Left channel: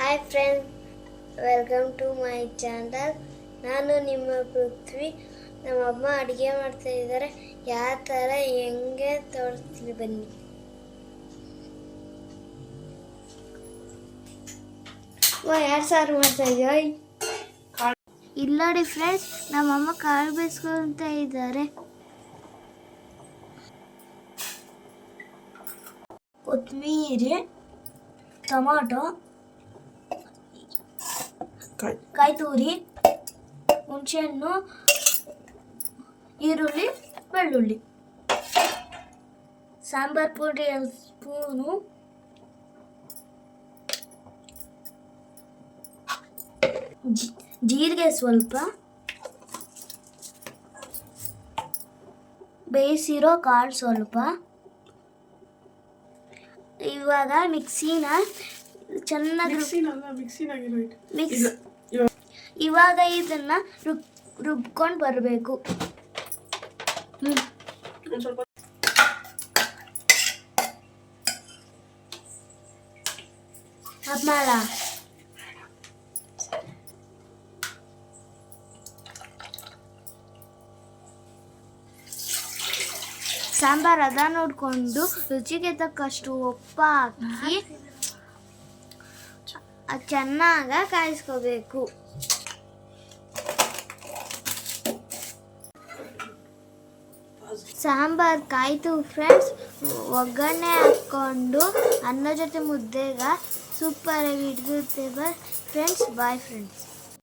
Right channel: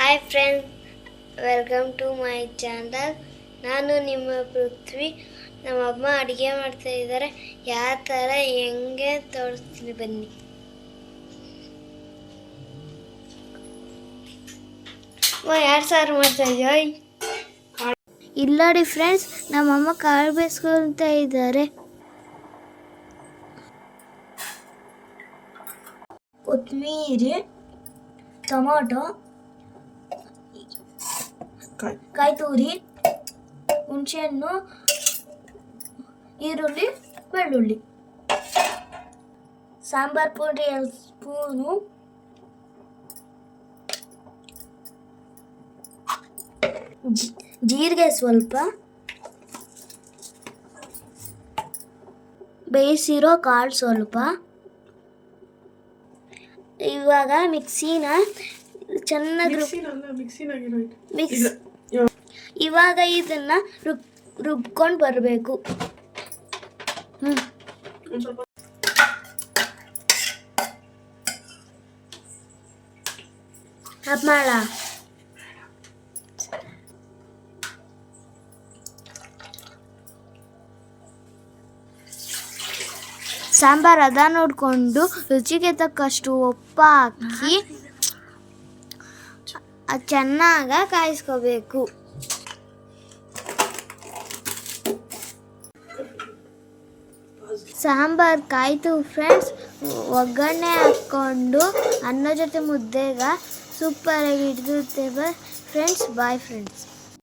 Hi friends, welcome to my channel. ನಾನು ನಿಮ್ಮ ಪೃಥ್ವಿ. ನಮ್ಮಮ್ಮ ಅಡುಗೆ ಮಾಡ್ತಾ ಇದ್ದಾರೆ. ಯಾವ ಥರ ಹೆಂಗೆ ತೋರಿಸ್ತೀನಿ ಬನ್ನಿ. ಯಾರು ಸಾರು ಮಾಡ್ತಾ ಇದೆಯೋ ಇಲ್ಲ ನೋಡಿ ಫ್ರೆಂಡ್ಸ್, ನಮ್ಮಮ್ಮ ಕಾಳು ಬೇಯಿಸ್ಕೊಳ್ತಾ ಇದ್ದಾರೆ. ಕೊತ್ತಂಬರಿ, ಟೊಮಾಟೊ, ಕಾಯಿ ತುರಿ, ಹುಣಸೆಹಣ್ಣು, ಈರುಳ್ಳಿ, ಬೆಳ್ಳುಳ್ಳಿ, ಸಾಂಬಾರ್ ಪುಡಿ 2 ಸ್ಪೂನು, ಜೀರಿಗೆ ಸ್ವಲ್ಪ, ಬೇಯಿಸಿರೋ ಕಾಳು ಸ್ವಲ್ಪ. ಇವಾಗ ಮಿಕ್ಸಿನ ಚೆನ್ನಾಗಿ ಇವಾಗ ಇದನ್ನ ರುಬ್ಕೊಂಡು ಬರಬೇಕು. ಮಾಡ ಸಾಂಬಾರು ಅದ ನೋಡಿಕೊಂಡು ರುಚಿಗೆ ತಕ್ಕಷ್ಟು ಉಪ್ಪು ಹಾಕಿ ಚೆನ್ನಾಗಿ ಕಾಯಿಸ್ಕೋಬೇಕು. ಸಾಂಬಾರು ಕಾಯ್ತು ಫ್ರೆಂಡ್ಸ್. ಒಗ್ಗರಣೆ ಹಾಕ್ಕೊಂಡು ಅನ್ನ ಜೊತೆ ಮುದ್ದೆಗ ಸೂಪರಾಗಿ ಇಡ್ತೇವೆ ಫ್ರೆಂಡ್ಸ್. Bye friends.